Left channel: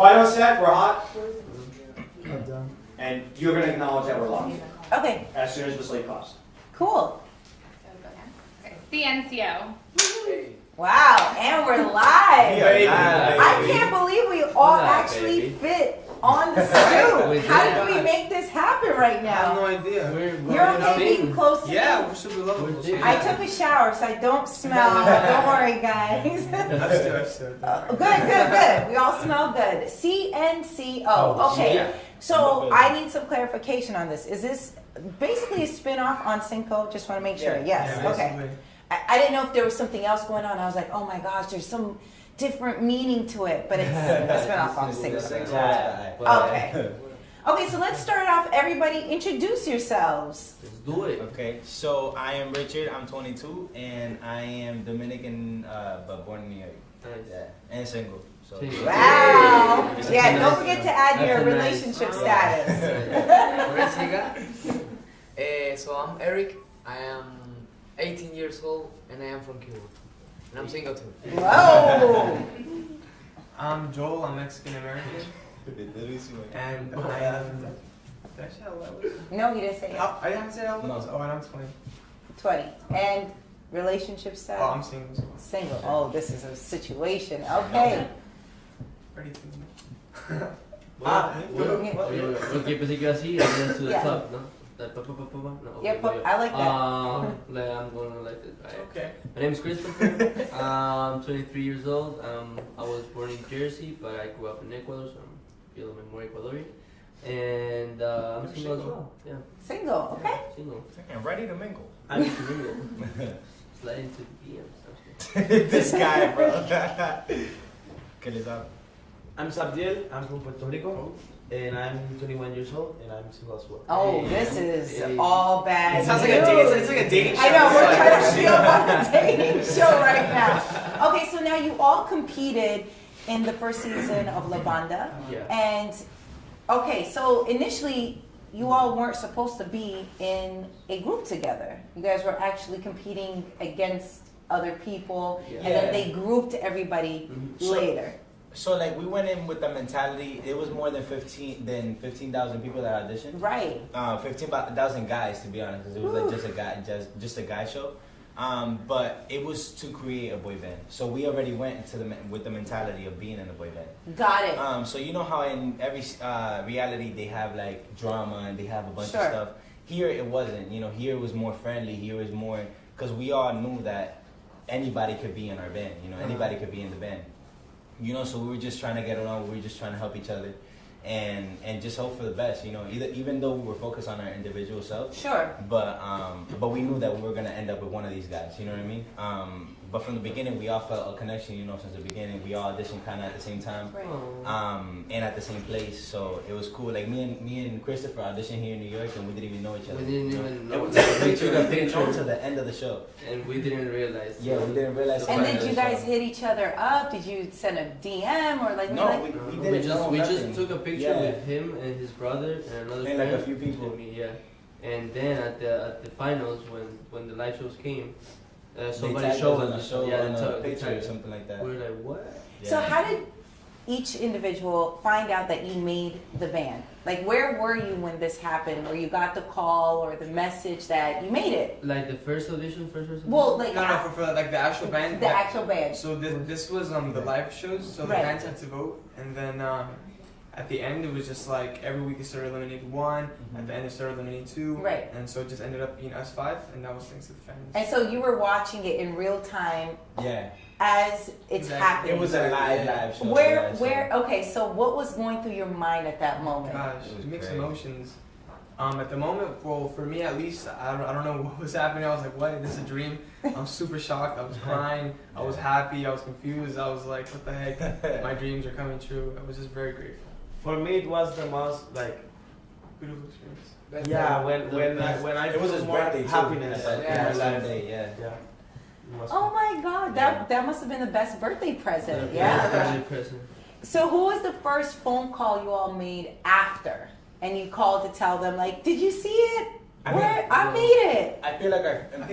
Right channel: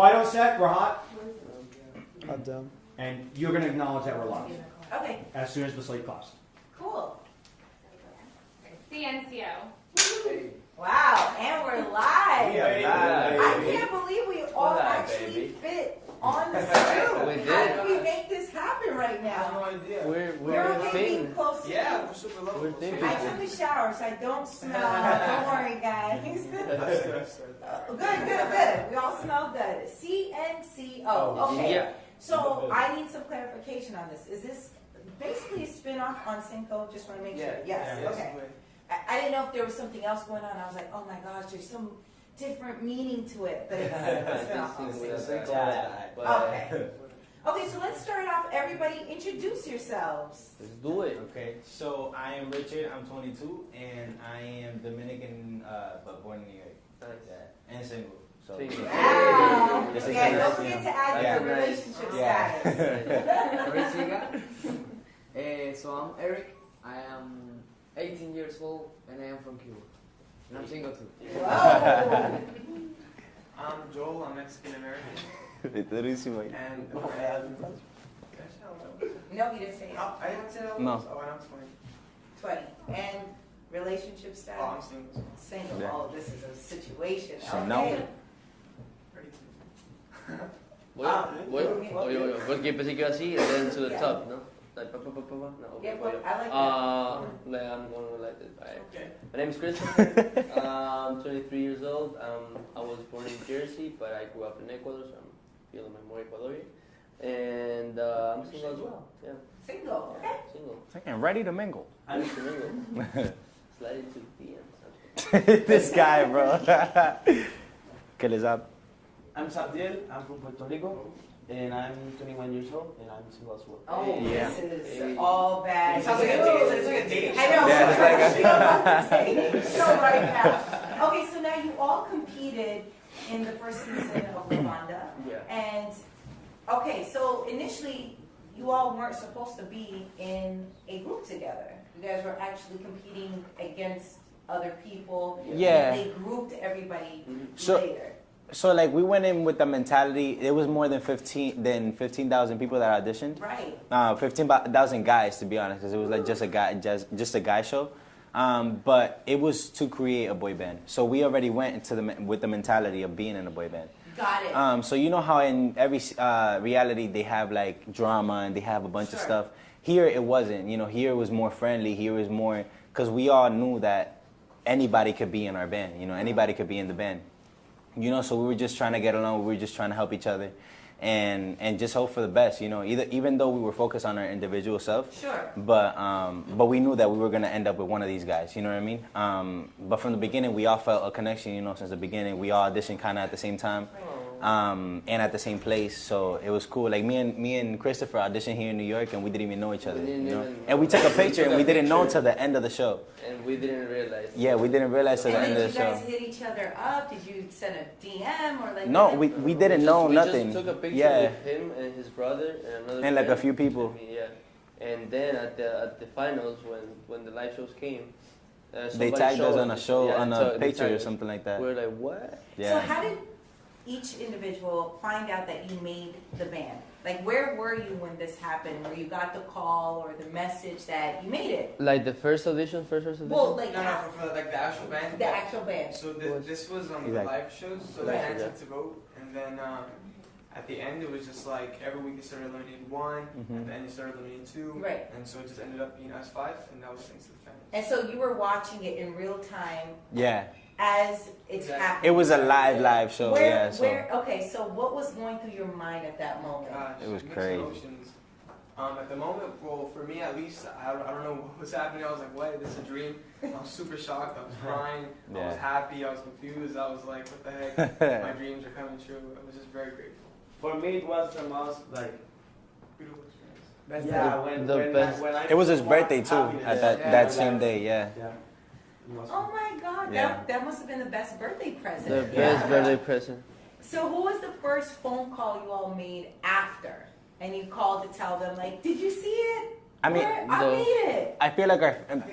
Quiet on set, we're hot. And you're going to acknowledge that we're live. Okay. As soon as the slate pops. Cool. CNCO. Wow, and we're live. I can't believe we all actually fit on the Stoop. How did we make this happen right now? I have no idea. You're okay being close to me? Yeah, we're super low. I took a shower, so I don't smell. Don't worry, guys. Good. We all smell good. CNCO. Okay. So I need some clarification on this. Is this basically a spin-off on CNCO? Just want to make sure. Yes. Yeah, okay. I didn't know if there was something else going on. I was like, oh my gosh, there's some different meaning to it, but it's a spin-off on CNCO. Okay. Okay, so let's start off. Everybody, introduce yourselves. Let's do it. Okay, so I am Richard. I'm 22, and I am Dominican, but born in New York. Yeah, and single. So. Wow. Yeah, don't forget to add your relationship status. So I'm Eric. I am 18 years old, and I am from Cuba. And I'm single too. Whoa. I'm Joel. I'm Mexican American. And I am. No, you didn't say it. I didn't say that. No. Oh, and I'm 20. 20. And relationship status? Oh, I'm single. Single. Oh, this is a situation. Okay. Ready to. Porque pensé que iba así, and then to the Yeah. top, no? Like, no, Yep, okay. I like that. Then I'm going to like it. Alright. Okay. My name is Christopher. I'm 23 years old. I was born in Jersey, but I grew up in Ecuador, so I'm feeling more Ecuadorian. And I'm single as well. Yeah. Single, okay. Single. I'm ready to mingle. I'm single. Slide into the DMs. This guy, bro. ¿Qué les da? I'm Sabdiel, I'm from Puerto Rico, and I'm 21 years old, and I'm single as well. Oh, this is all bad. It sounds like a date. It's like a dating show. I know, we're trying to feel like a dating show right now. Okay, so now you all competed in the first season of La Banda. Yeah. And, okay, so initially, you all weren't supposed to be in a group together. You guys were actually competing against other people. Yeah. And then they grouped everybody later. So like we went in with the mentality, it was more than 15,000 people that auditioned. Right. 15,000 guys, to be honest, 'cause it was like just a guy show. But it was to create a boy band. So we already went into with the mentality of being in a boy band. Got it. So you know how in every reality they have like drama and they have a bunch of stuff. Here it wasn't. You know, here it was more friendly. Here it was more because we all knew that anybody could be in our band. You know, anybody could be in the band. You know, so we were just trying to get along. We were just trying to help each other, and just hope for the best. You know, even though we were focused on our individual self. Sure. But we knew that we were gonna end up with one of these guys. You know what I mean? But from the beginning, we all felt a connection. You know, since the beginning, we all auditioned kind of at the same time, and at the same place. So it was cool. Like me and Christopher auditioned here in New York, and we didn't even know each other. And we took a picture. We didn't know till the end of the show. And we didn't realize. Yeah, we didn't realize. And did you guys hit each other up? Did you send a DM or like? No, we didn't know nothing. We just took a picture with him and his brother and another. And like a few people. Yeah, and then at the finals when the live shows came, they tagged us on a show on a picture or something like that. We're like, what? So how did each individual find out that you made the band? Like, where were you when this happened? Where you got the call or the message that you made it? Like the first audition? Well, like No, for like the actual band. the actual band. So this was the live shows. So the fans had to vote, and then at the end it was just like every week they started eliminating one. At the end they started eliminating two. Right. And so it just ended up being us 5, and that was thanks to the fans. And so you were watching it in real time. Yeah. As it's happening. It was a live show. Okay, so what was going through your mind at that moment? Gosh, It was mixed crazy. emotions. At the moment, well, for me at least, I don't know what was happening. I was like, what? This is a dream? I'm super shocked. I was crying. I was happy. I was confused. I was like, what the heck? My dreams are coming true. I was just very grateful. For me, it was the most Beautiful experience. yeah. When I It was his birthday too. happiness At that same life. day, yeah. Yeah. Oh my God, Yeah. that must have been the best birthday present. Birthday present. So who was the first phone call you all made after? And you called to tell them, like, did you see it? I mean, I made it. I feel like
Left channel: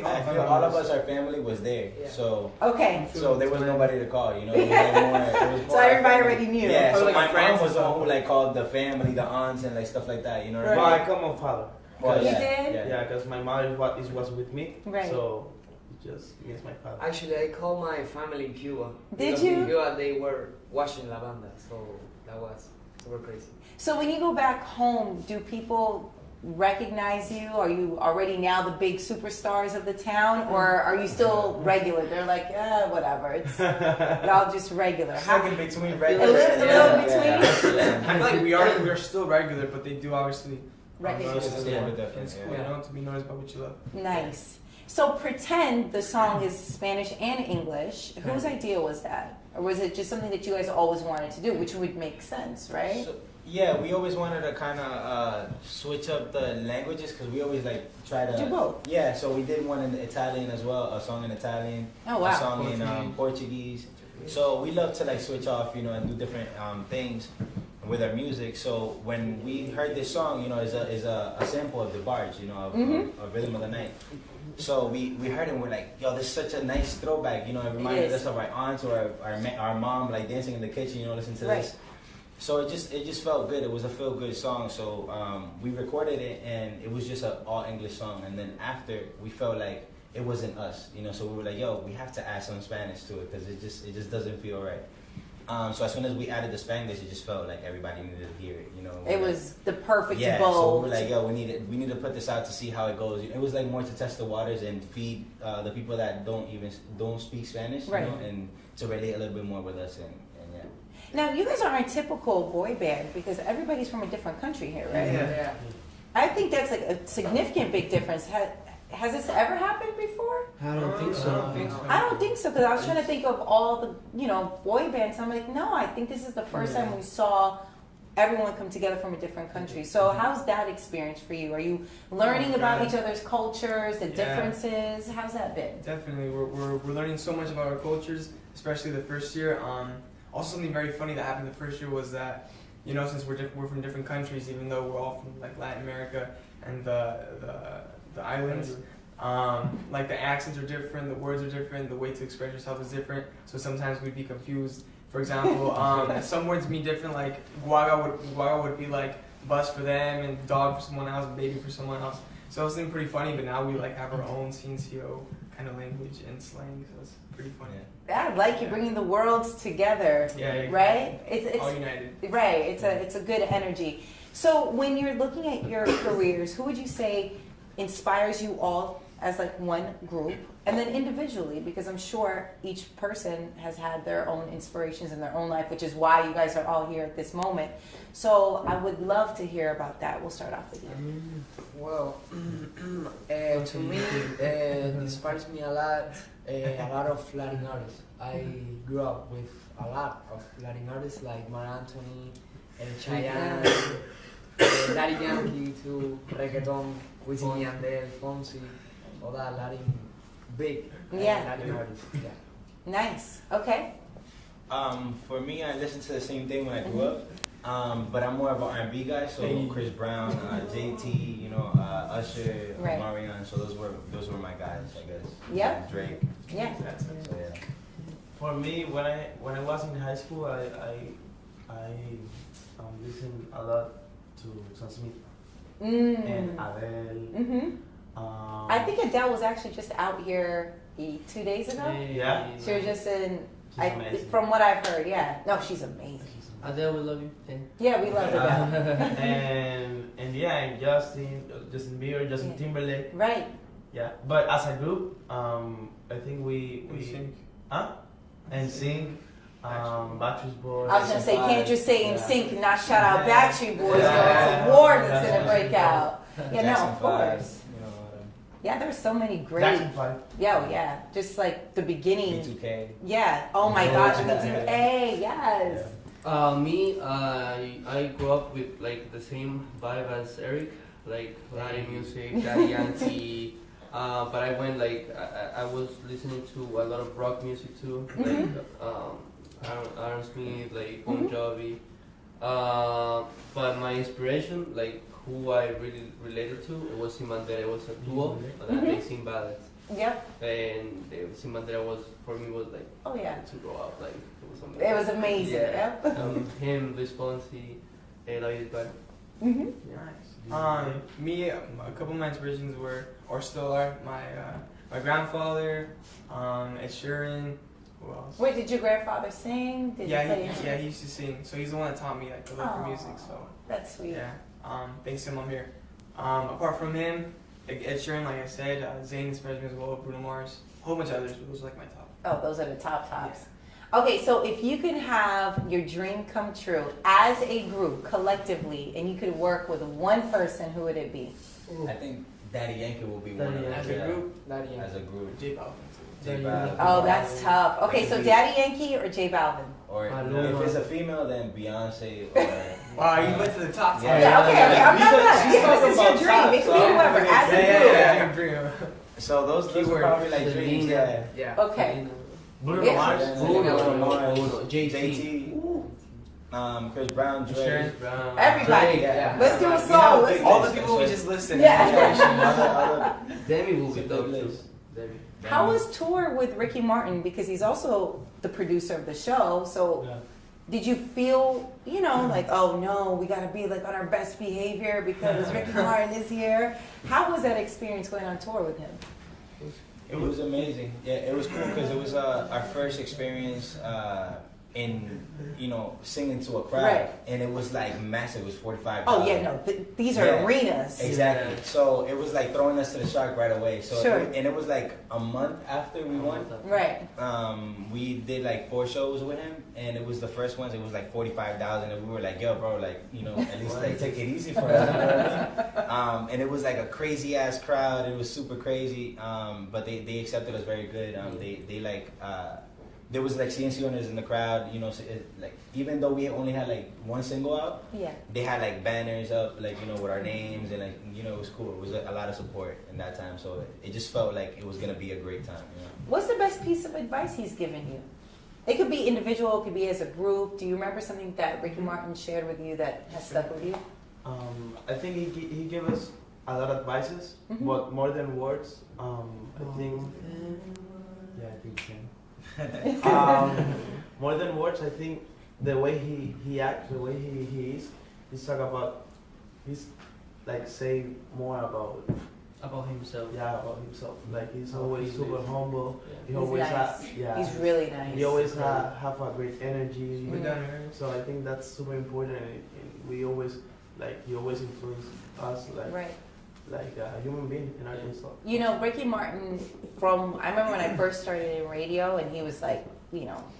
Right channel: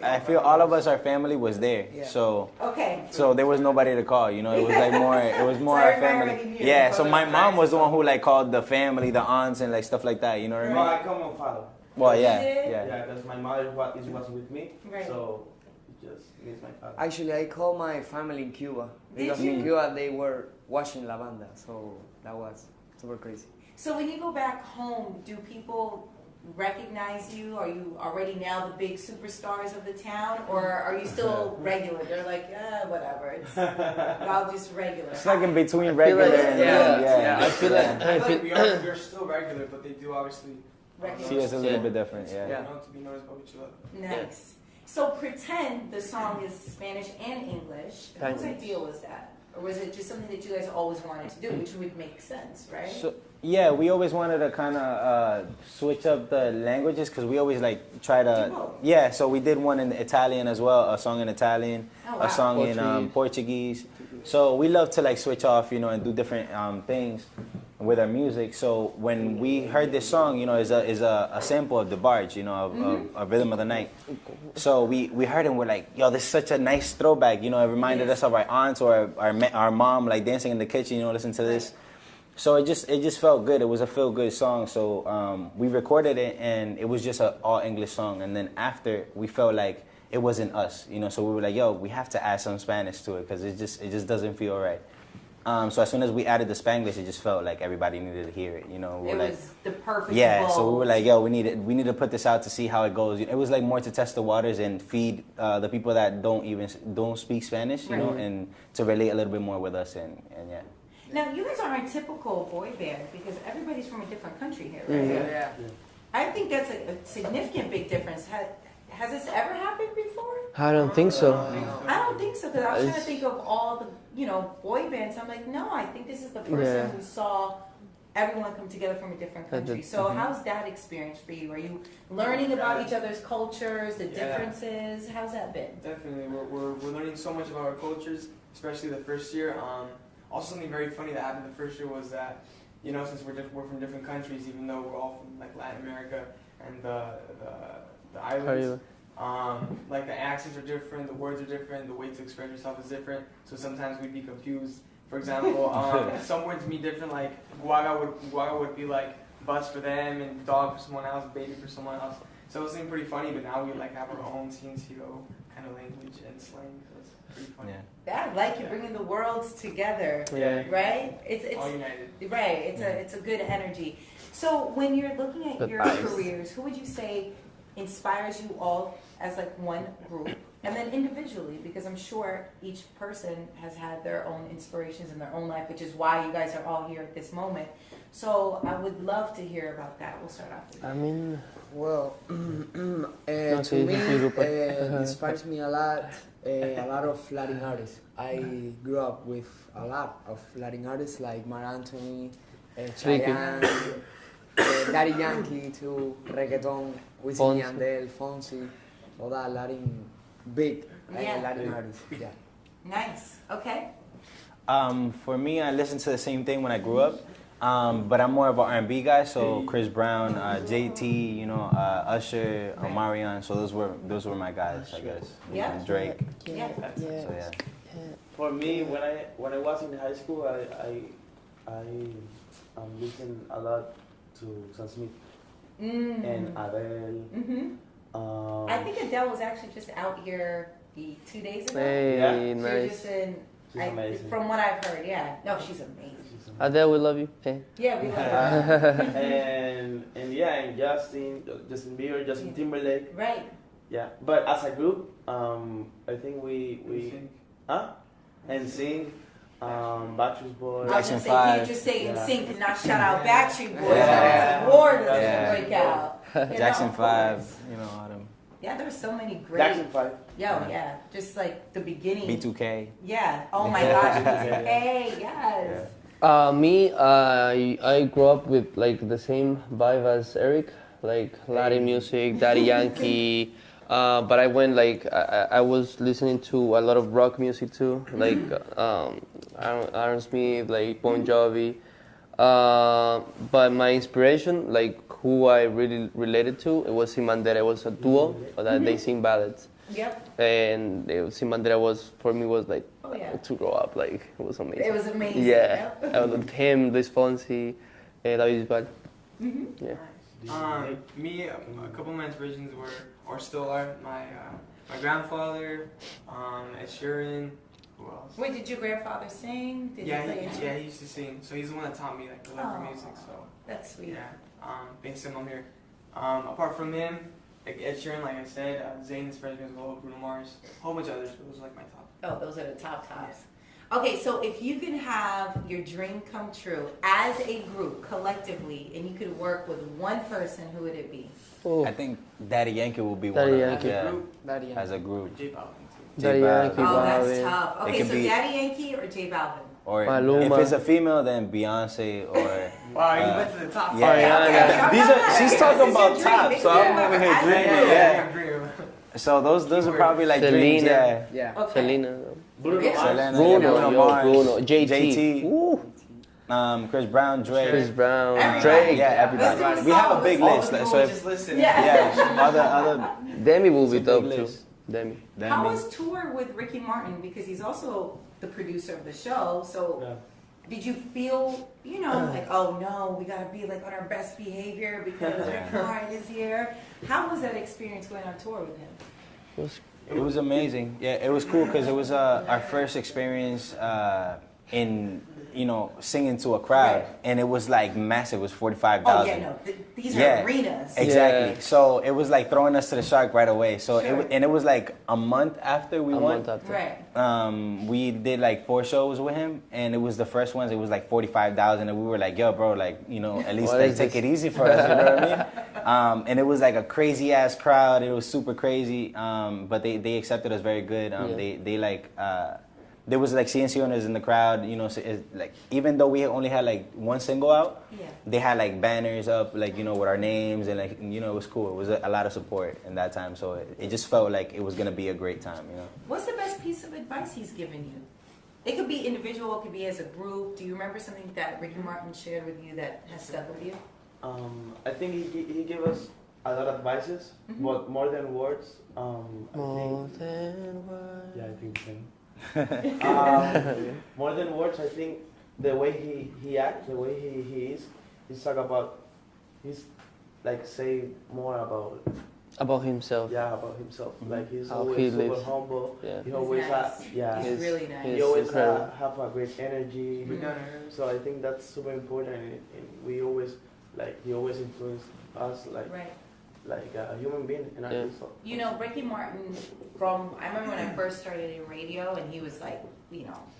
I feel all of us, our family was there. Yeah. So Okay. there was nobody to call. You know, it was like more. It was more. So our everybody family. already knew. Yeah. Or So like my the mom friends was the and one who like called the family, the aunts, and like stuff like that. You know what I mean? Well, I call my father. Well, You yeah. did? Yeah. Yeah, because my mother was with me. Right. So it just me as my father. Actually, I called my family in Cuba. Did Because you? in Cuba they were watching La Banda, so that was super crazy. So when you go back home, do people recognize you? Are you already now the big superstars of the town, or are you still regular? They're like, whatever. It's y'all just regular. It's like in between A regular. little Yeah. between. I think we are still regular, but they do obviously Regular. Yes, it's a little bit different. It's Yeah. known to be noticed by what you love. Nice. So pretend the song is Spanish and English. Whose idea was that? Or was it just something that you guys always wanted to do, which would make sense, right? So, yeah, we always wanted to kind of switch up the languages because we always like try Do to. both. Yeah, so we did one in Italian as well, a song in Italian, Oh, a wow. song in Portuguese. So we love to like switch off, you know, and do different things with our music. So when we heard this song, you know, is a sample of the barge, you know, of Rhythm of the Night. So we heard it and we're like, yo, this is such a nice throwback, you know, it reminded us of our aunts or our mom like dancing in the kitchen, you know, listen to this. Right. So it just felt good. It was a feel good song. So we recorded it and it was just an all English song. And then after we felt like it wasn't us, you know. So we were like, yo, we have to add some Spanish to it because it just doesn't feel right. So as soon as we added the Spanglish, it just felt like everybody needed to hear it, you know. It was the perfect Yeah, bowl. so we were like, yo, we need to put this out to see how it goes. It was like more to test the waters and feed the people that don't speak Spanish, you know, Right. and to relate a little bit more with us and yeah. Now, you guys aren't a typical boy band because everybody's from a different country here, right? Yeah. I think that's a significant big difference. Has this ever happened before? I don't think so. I don't think so, because I was trying to think of all the, boy bands. I'm like, no, I think this is the first Yeah. time we saw everyone come together from a different country. So how's that experience for you? Are you learning about each other's cultures, the differences? How's that been? Definitely, we're learning so much about our cultures, especially the first year. Also, something very funny that happened the first year was that, you know, since we're from different countries, even though we're all from like Latin America and the islands, like the accents are different, the words are different, the way to express yourself is different. So sometimes we'd be confused. For example, some words be different, like guaga would be like bus for them, and dog for someone else, baby for someone else. So it seemed pretty funny, but now we like have our own CNCO kind of language and slang, so it's pretty funny. I like you bringing the worlds together, Yeah, right? all united. Right. It's a good energy. So when you're looking at your careers, who would you say inspires you all as like one group, and then individually? Because I'm sure each person has had their own inspirations in their own life, which is why you guys are all here at this moment. So I would love to hear about that. We'll start off with you. Well, to me, inspires me a lot of Latin artists. I grew up with a lot of Latin artists like Mar Anthony, Chayanne, Daddy Yankee too, reggaeton, Wisin y Yandel, Fonsi, all that Latin, big Latin artists. Yeah. Nice. Okay. For me, I listened to the same thing when I grew up, but I'm more of an R&B guy. So Chris Brown, JT, you know, Usher, Right. Omarion. So those were my guys, I guess. Yeah. Drake. Yeah. So yeah. For me, when I was in high school, I listened a lot to Sam Smith and Adele. Mm-hmm. I think Adele was actually just out here 2 days ago. Yeah. She was Nice. just in. She's amazing. From what I've heard, yeah. No, she's amazing. Adele, we love you. Okay. Yeah, we love her. and yeah, and Justin Bieber, Justin Timberlake. Right. Yeah, but as a group, I think we NSYNC. and sing, Backstreet Boys. I was gonna say, you can't just say in Yeah. sync and not shout out Backstreet Boys. Yeah. It's a war that's Yeah. gonna break out. Jackson of 5, course. you know, all them. Yeah, there's so many great. Jackson 5. Yeah. Just like the beginning. B2K. Yeah. Oh my gosh, B2K. Yes. Me, I grew up with like the same vibe as Eric, like Latin music, Daddy Yankee. But I went like I was listening to a lot of rock music too, like Aaron Smith, like Bon Jovi. But my inspiration, like who I really related to, it was Simandera. It was a duo that they sing ballads. Yep. And Simandera was, for me, was like Oh yeah. to grow up. Like it was amazing. It was amazing. Yeah. Yep. I loved him, Luis Fonsi, David Bisbal. Mhm. Yeah. Me, a couple of my inspirations were, or still are, my grandfather, Ed Sheeran. Who else? Wait, did your grandfather sing? Did Yeah, he play instrument? he used to sing. So he's the one that taught me like the love for music. So That's sweet. yeah, based on him here. Apart from him, like Ed Sheeran, like I said, Zayn inspires me as well. Bruno Mars, a whole bunch of others. But those are like my top. Oh, those are the top tops. Okay, so if you could have your dream come true as a group, collectively, and you could work with one person, who would it be? I think Daddy Yankee will be Daddy one. Yankee. Yeah, Daddy as a group. J Balvin. Daddy Yankee, Oh, that's Balvin. tough. Okay, It so could be- Daddy Yankee or J Balvin? Or Maluma. if it's a female, then Beyonce or. Wow, you went to the top. Yeah. Yeah, okay. These are- she's talking This is your about dream. top, It so could be I'm whoever having a has dream. it. Yeah, dream. So those are Keyword. probably like dreams. Selena. Yeah. Yeah. Okay. Selena. Bruno Yeah. Mars. Bruno Mars. Bruno. JT. JT. Ooh. Chris Brown, Drake. Chris Brown. Everybody. Drake. Yeah, Let's everybody. do a We have song. a big All list. the people so we if- just listed. Yeah. other Demi will be It's a dope big too. list. Demi. How was tour with Ricky Martin? Because he's also the producer of the show. So Yeah. did you feel, like, oh no, we gotta be like on our best behavior because Ricky Martin is here? How was that experience going on tour with him? It was amazing. Yeah, it was cool because it was our first experience in singing to a crowd, Right. and it was like massive. It was 45,000. Oh yeah, no, these are Yeah. arenas. Exactly. Yeah. So it was like throwing us to the shark right away. So Sure. it was like a month after we A won. month after. Right. We did like 4 shows with him, and it was the first ones. It was like 45,000, and we were like, "Yo, bro, like at least What like is take this? it easy for us." You know what I mean? And it was like a crazy ass crowd. It was super crazy. But they accepted us very good. They like. There was like CNCO in the crowd, so like even though we only had like one single out, Yeah. they had like banners up, like with our names, and like it was cool. It was a lot of support in that time, so it just felt like it was gonna be a great time. What's the best piece of advice he's given you? It could be individual, it could be as a group. Do you remember something that Ricky Martin shared with you that has stuck with you? I think he gave us a lot of advices, Mhm. but more than words. I think. Yeah, I think so. More than words, I think the way he acts, the way he is, he's talk about, he's like saying more About himself. about himself. Like he's How always he super lives. humble. Yeah. He He's always nice. He's he's- really nice. he always incredible. have a great energy. Mhm. So I think that's super important. And we always he always influenced us Right. like a human being in our Yeah. so. Ricky Martin, I remember when I first started in radio and he was like,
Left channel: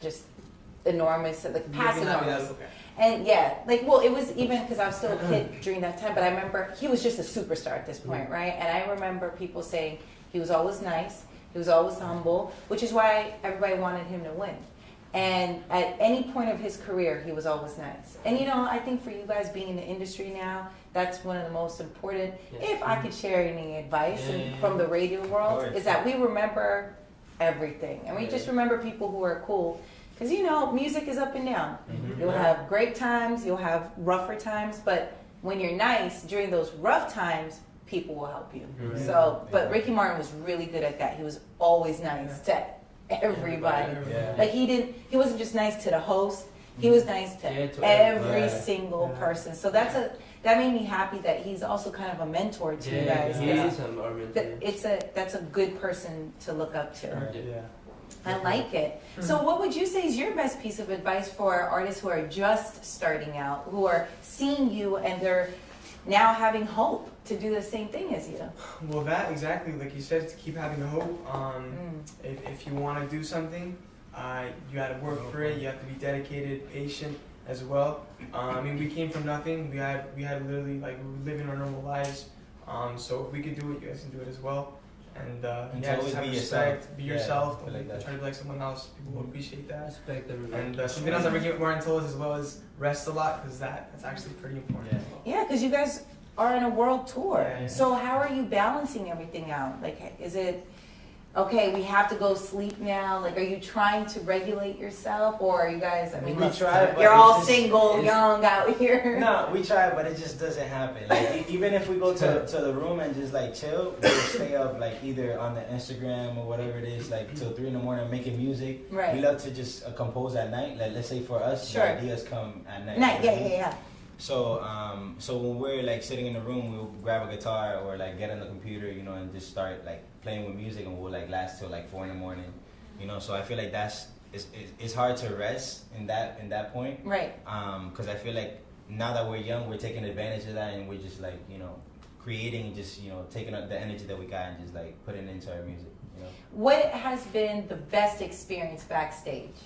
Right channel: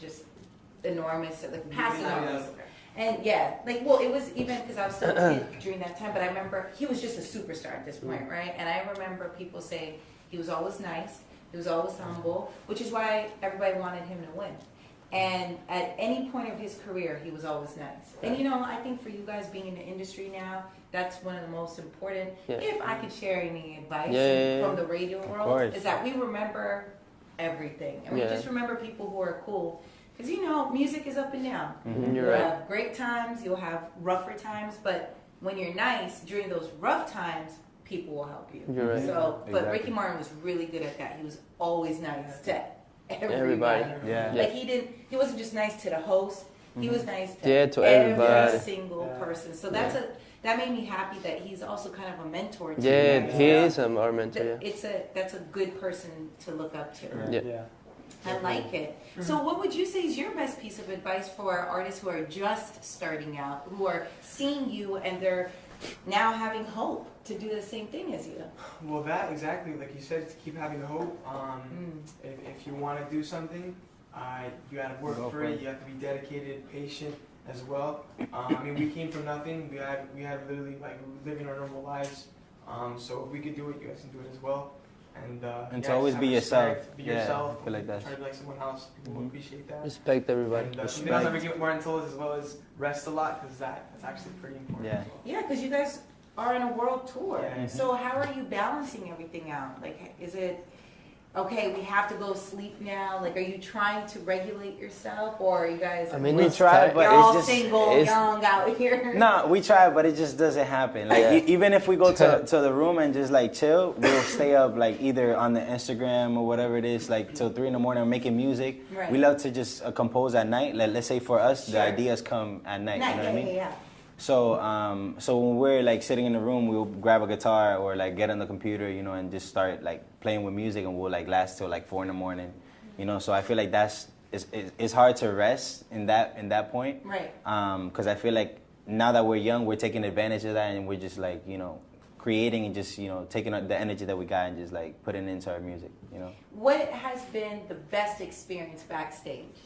just enormous, like past enormous. And yeah, it was even because I was still a kid during that time, but I remember he was just a superstar at this point, right? And I remember people saying he was always nice, he was always humble, which is why everybody wanted him to win. And at any point of his career, he was always nice. And I think for you guys being in the industry now, that's one of the most important, Yeah. if I could share any advice Yeah. from the radio world, course. is that we remember everything. And we Yeah. just remember people who are cool. Because music is up and down. Mhm. You'll have great times, you'll have rougher times, but when you're nice during those rough times, people will help you. You're right. So, but Exactly. Ricky Martin was really good at that. He was always nice to everybody. Yeah. Like he wasn't just nice to the host. He was nice to, Yeah, to every everybody. single Yeah. person. So that made me happy that he's also kind of a mentor to you Yeah, guys. he is our mentor. Yeah. That's a good person to look up to. Yeah. I like it. So what would you say is your best piece of advice for artists who are just starting out, who are seeing you and they're now having hope to do the same thing as you? Well, that exactly, like you said, to keep having the hope. If you want to do something, you got to work for it. You have to be dedicated, patient as well. We came from nothing. We had literally living our normal lives. So if we could do it, you guys can do it as well. And to always just be have yourself. respect, Be Yeah, yourself. I feel like that. Try to be like someone else. People will appreciate that. Respect everybody. And something else that Ricky Martin told us as well is rest a lot, because that's actually pretty important. Yeah. Yeah, because you guys are in a world tour. Yeah. So how are you balancing everything out? Like, is it okay, we have to go sleep now? Like, are you trying to regulate yourself, or are you guys? I mean, We it's try, tough. but You're it's all just- single, it's- young out here. No, we try, but it just doesn't happen. Like even if we go to the room and just like chill, we'll stay up like either on the Instagram or whatever it is, like till 3 in the morning, making music. Right. We love to just compose at night. Like let's say for us, Sure. the ideas come at night. Night, you know yeah, what I mean? yeah. So when we're like sitting in the room, we'll grab a guitar or like get on the computer, you know, and just start like playing with music, and we'll like last till like 4 in the morning, you know. So I feel like it's hard to rest in that point, Right. because I feel like now that we're young, we're taking advantage of that, and we're just like, you know, creating and just, you know, taking the energy that we got and just like putting it into our music, you know. What has been the best experience backstage?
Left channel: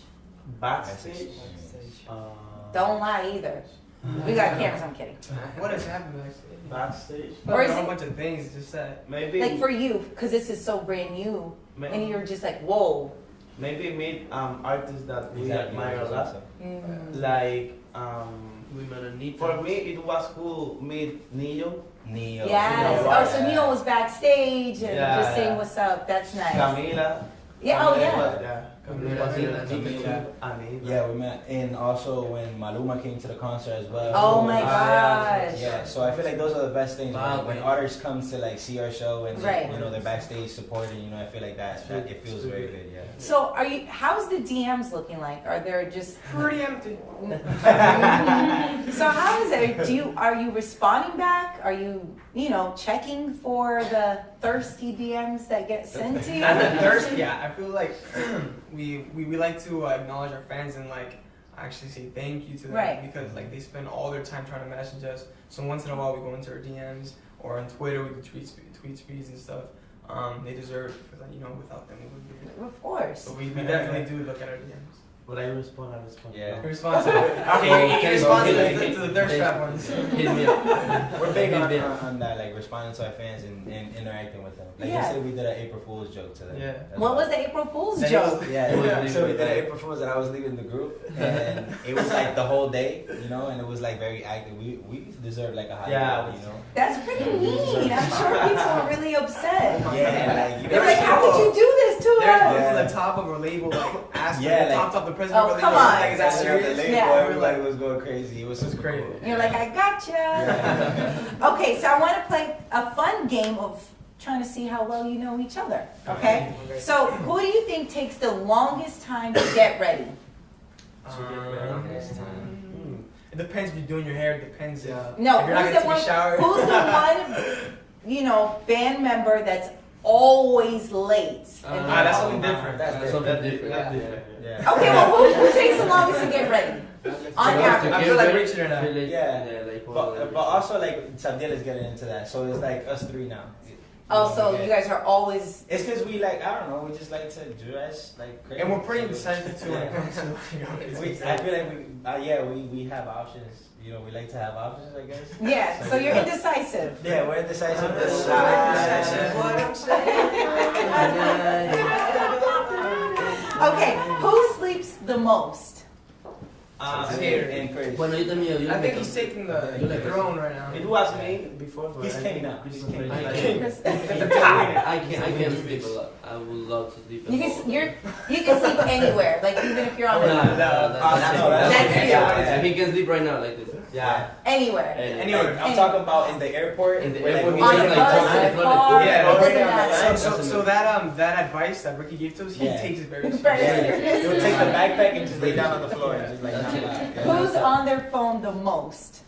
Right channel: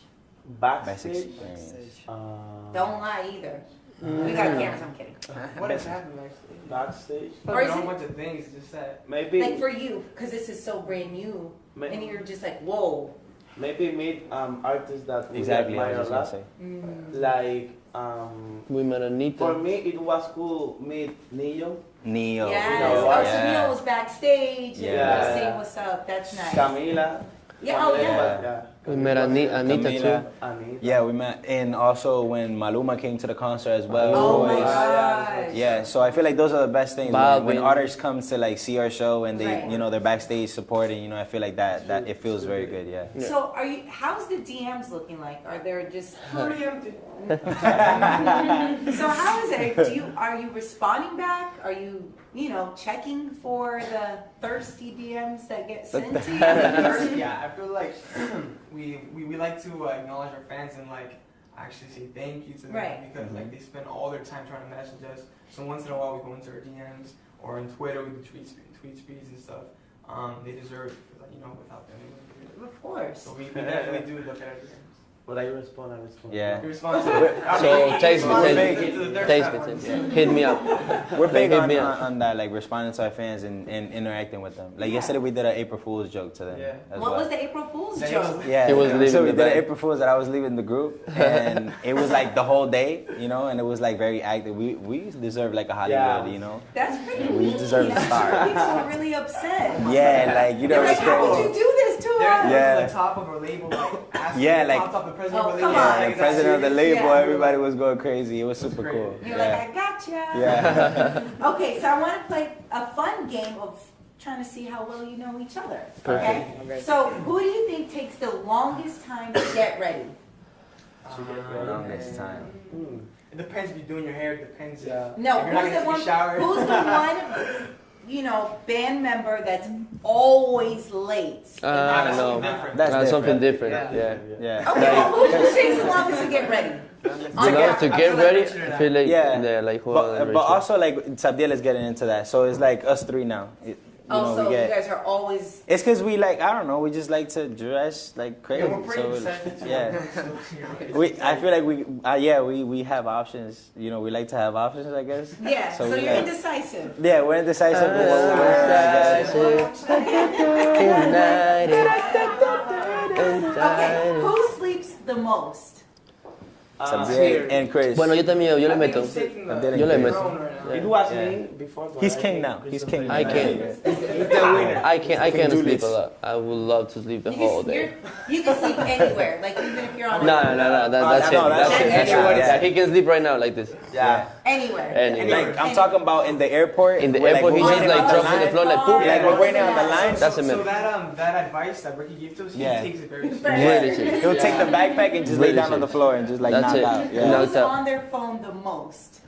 Best Backstage. experience. Don't lie either. We got cameras. I'm kidding. What has happened backstage? Backstage. Or Or is a whole it- bunch of things you just said. Maybe. Like for you, because this is so brand new, and Maybe, you're just like, whoa. maybe meet artists that Exactly. we I admire a was gonna lot. say. Like We met Anita. for me, it was cool meet Neo, Neo. Yes. Neo, Oh, so yeah. Neil was backstage and Yeah. just saying what's up. That's nice. Camila. Yeah. Oh, Camila, yeah. We met Anita Camila. too. Anita. Yeah, we met, and also when Maluma came to the concert as well. Oh my Yeah. gosh. Yeah, so I feel like those are the best things Bob, when we- artists come to like see our show and they, Right. you know, they're backstage supporting. You know, I feel like that it feels very good. Yeah. So are you? How's the DMs looking like? Are there just? Pretty empty. So how is it? Are you responding back? Are you checking for the thirsty DMs that get sent to you? Thirsty, yeah. I feel like we like to acknowledge our fans and like actually say thank you to them Right. because like they spend all their time trying to message us. So once in a while we go into our DMs or on Twitter we do tweet speeds and stuff. They deserve it because without them we wouldn't be here. Of course. So we definitely do look at our DMs. But I respond. Yeah. We respond to it. text To the thirst trap ones. Hit me up. We're big Hit me up. on that, like responding to our fans and interacting with them. Like Yeah. yesterday, we did an April Fool's joke to them. Yeah. as What well. was the April Fool's That joke? Yeah, He was leaving so we the did an bag. April Fool's that I was leaving the group, and it was like the whole day, and it was like very active. We deserve like a Hollywood, Yeah. That's pretty We mean. deserve I'm to sure people are really upset. Yeah, like you They're never. like, how could you do this to They're us? Yeah. the top of a label, like asking Yeah, the like- top the president Oh, of the come label. on. Like, is that President of the serious? label, Yeah. everybody was going crazy. It was It's super great. cool. You're like, I gotcha. Yeah. Okay, so I want to play a fun game of trying to see how well you know each other. Okay? Okay. So, who do you think takes the longest time to get ready? Next time. It depends if you're doing your hair. It depends. Yeah. No, If you're not who's gonna the one? take a shower. Who's the one? Band member that's always late. That's Oh, something different. That's something different. Yeah. Yeah. Yeah. Okay, well, who takes the longest to get ready? On You know, to average. I get feel like ready, Richard and I I. feel like Yeah. like But also like Sabdiel is getting into that, so it's like us three now. Oh, so we you get- guys are always. It's because we like, I don't know, we just like to dress like crazy. And we're pretty so, sensitive to yeah. it. I feel like we have options. We like to have options, I guess. Yeah, so you're yeah. indecisive. Yeah, we're indecisive. Okay, who sleeps the most? Sabdiel and Chris. Bueno, yo también, yo le I think meto. he's taking Yo the le meto. throne right now. It was Yeah. me before. but He's I king think now. He's Christopher king. I is can. better. I can do sleep this. a lot. I would love to sleep the You whole can, day. you can sleep anywhere, like even if you're on No, that's it. that's it. Yeah, he can sleep right now like this. Yeah. anywhere. Anyway. Like, I'm talking about in the airport. In the where, airport, we he just just like like Oh, jumps on the floor like car, poop. Yeah, doesn't right matter. That's So amazing. that advice that Ricky gave to us, he Yeah. takes it very Very seriously. serious. He'll take the backpack and just lay down on the floor and just like That's knock it. out. Yeah. Who's on their phone the most?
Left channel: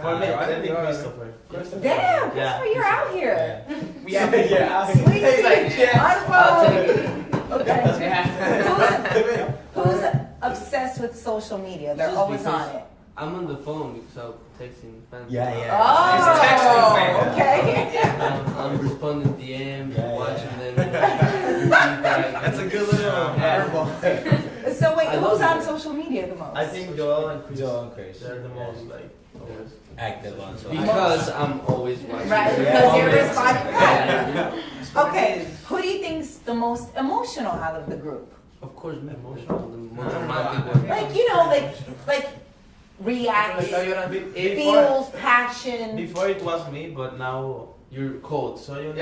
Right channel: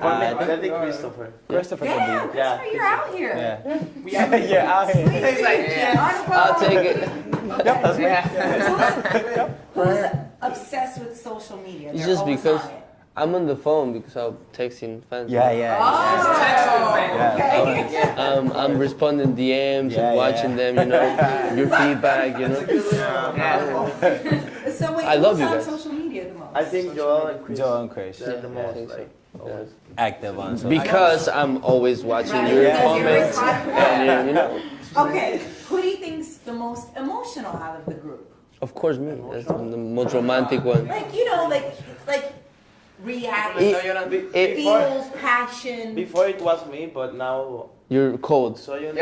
For me, I think Christopher. Christopher. Damn, can Christopher, you're out here. Yeah. We have Yeah, I'll Sweet. He's like, yeah. On I'll phone. take it. Yeah. Who's obsessed with social media? They're Just always because- on it. I'm on the phone because I'm texting fans. Yeah, yeah. Oh, Texting fan. okay. I'm responding DMs Yeah, and watching yeah. them, your feedback, That's a good little handball. So wait, I love who's you on guys. social media the most? I think Joel and Chris. Joel and Chris. They're the most like. always. Active on social. Because I'm always watching Right, your because you're comments. responding. And, you know, Okay, who do you think's the most emotional out of the group? of course, me. That's the most romantic one. Like like react, No, you're not It- before. feels, passion. Before it was me, but now You're cold. So you I'm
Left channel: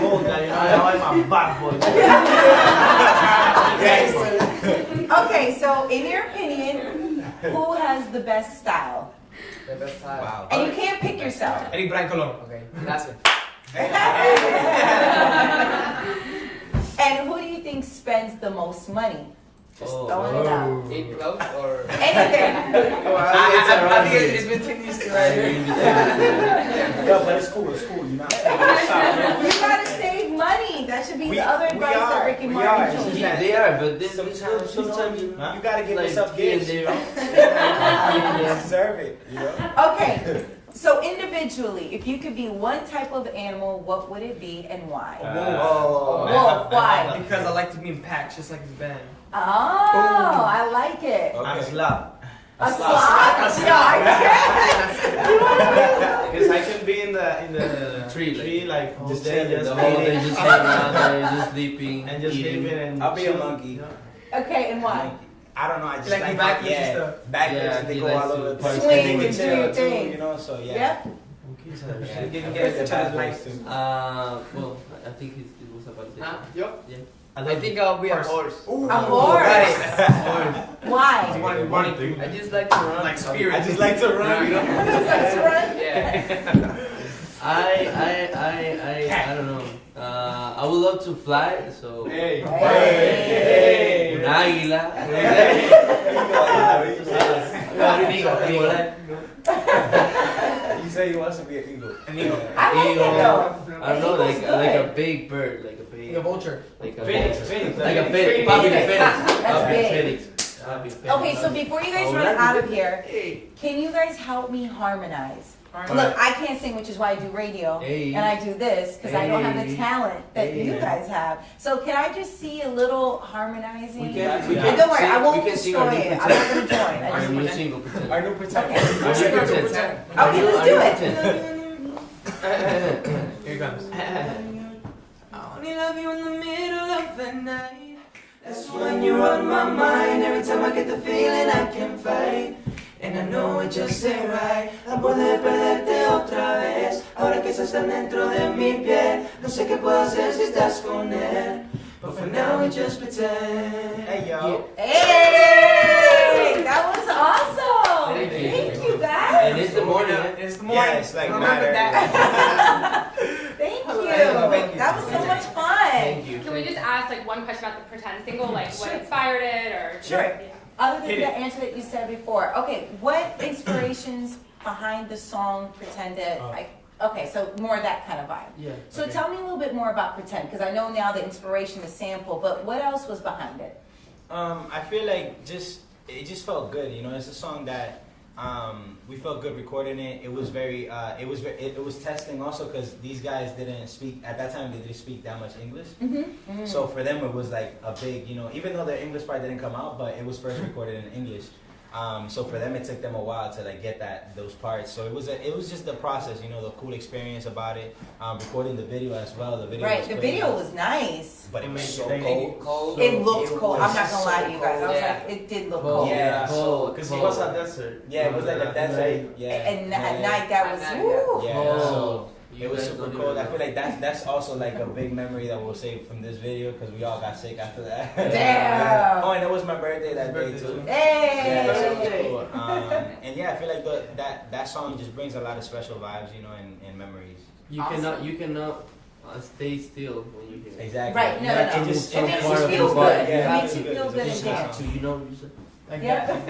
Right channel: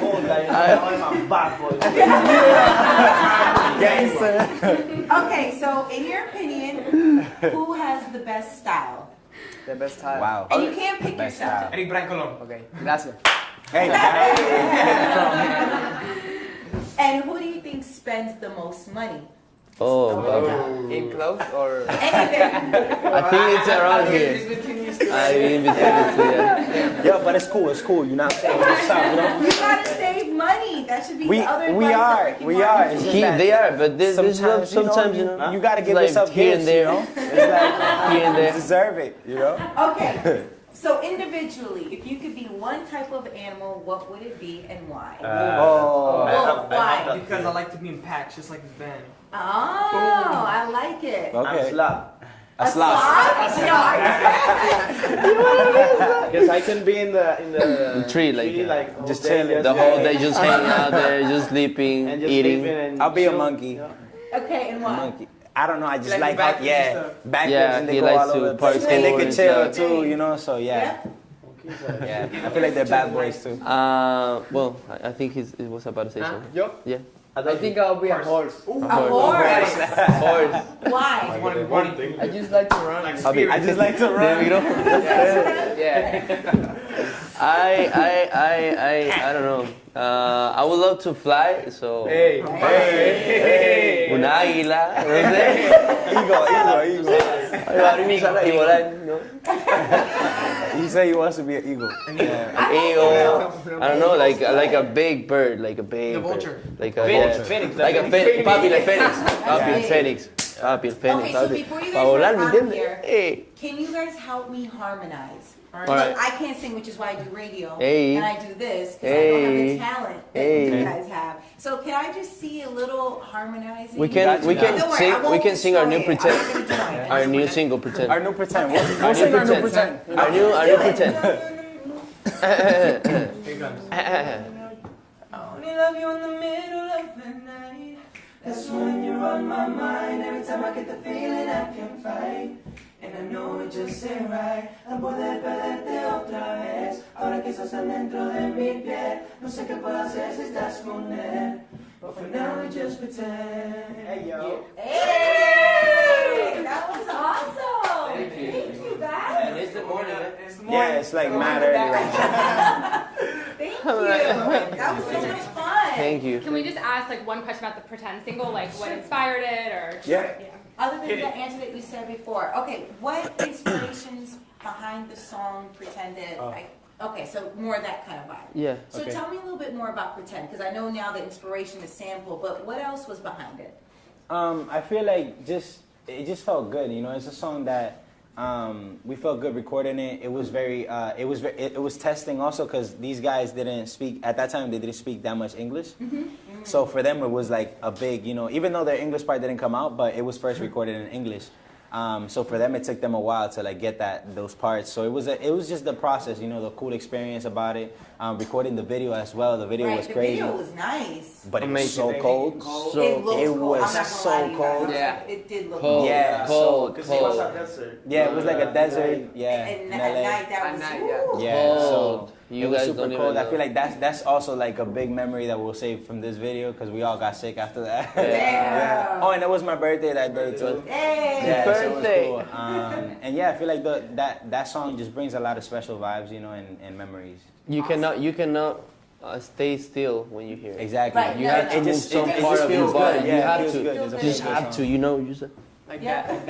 cold. I'm a bad boy. Okay, so in your opinion, who has the best style? The best time. Wow. And you can't pick yourself. Eric Brian Colon. Okay, gracias. Hey. And who do you think spends the most money? Oh, Throw it out. Eat clothes or? Anything. I think it's around here. It's between these two. I didn't even think Yo, but it's cool. It's cool. You're not. You gotta save money. That should be the other advice that Ricky Martin gives. They are, but this Sometimes, sometimes you know, you gotta give like yourself here gifts, and there. you know? Here and You there. deserve it, you know? Okay, so individually, if you could be one type of animal, what would it be and why? Wolf, why? Because I like to be in packs, just like his band. Oh, I like it. Okay. Slap. A sloth? Because I can be in the Tree, like whole just day, chilling. The whole day just hanging out there, just sleeping, and just eating. sleeping and I'll be a chill, monkey. you know? Okay, and why? I don't know, I just Like like, backflips and yeah, stuff. backflips Yeah, and they he go likes all to over the party place. And they swing can and chill do too, things. you know, so yeah. Yep. Yeah, I feel like they're bad boys too. Well, I think he was about to say something. Yo? Yeah. I think I'll be a horse. A horse. Horse. Why? One thing. I just like to run. Like spirit. I just like to run. You know? Yeah. I don't know. I would love to fly, so Hey. un águila. You say he wants to be an eagle. I like it though. I don't know, like a big bird, like a big. The vulture. Like a Phoenix. Like a phoenix. Papi de Phoenix. Papi de Right. Phoenix. Papi de Phoenix. Okay, so before you guys run out of here, can you guys help me harmonize? All Look, right. I can't sing, which is why I do radio, Hey. and I do this because I don't have the Hey. talent that you Hey. guys have. So can I just see a little harmonizing? We can Don't worry, I won't we can sing our new destroy it. pretend. I'm not gonna join. Our new single pretend. Our new pretend. Our Sing new our new pretend. pretend. Our new let's do it. pretend. Here it comes. I only love you in the middle of the night. That's when you're on my mind. Every time I get the feeling I can fight. And I know it just ain't right. A poder perderte otra vez. Ahora que estás tan dentro de mi piel. No sé qué puedo hacer si estás con él. But for now we just pretend. Hey, yo. Hey, that was awesome. Thank you guys. And it's the morning. It's the morning. Yeah, it's like Oh, matter. Thank you. That was so much fun. Thank you. Can we just ask like one question about the pretend single, like what inspired it, or Sure. Yeah. Other than the answer that you said before, okay, what inspirations behind the song Pretended? Okay, so more that kind of vibe. Yeah. So Okay. tell me a little bit more about Pretend, because I know now the inspiration is sample, but what else was behind it? I feel like it just felt good, you know. It's a song that we felt good recording it. It was very it was testing also because these guys didn't speak at that time. They didn't speak that much English, so for them it was like a big, you know, even though their English part didn't come out, but it was first recorded in English. So for them, it took them a while to like get those parts. So it was just the process, you know, the cool experience about it. Recording the video as well. The video Right, was the crazy. video was nice. But it was so Amazing. cold. It looked it cool. I'm was not gonna lie to you guys. I was Yeah. like, it did look Cold. cool. Yeah, Cold. Because it was a desert. Yeah, it was like a desert. Yeah. And at LA. night that At was night, woo. Yeah, so Cold. You it was guys super don't cold. even I know. feel like that's also like a big memory that we'll save from this video because we all got sick after that. Yeah. Oh, and it was my birthday that day too. Hey, Yeah, so it was birthday. cool. And yeah, I feel like that song just brings a lot of special vibes, you know, and memories. You cannot stay still when you hear it. Exactly. Right, You no, have no, to no. move some It makes part you of feel your body. good. You It have makes to. you feel It's a good. You just good have to. song. You know. You just. Like Yeah. that.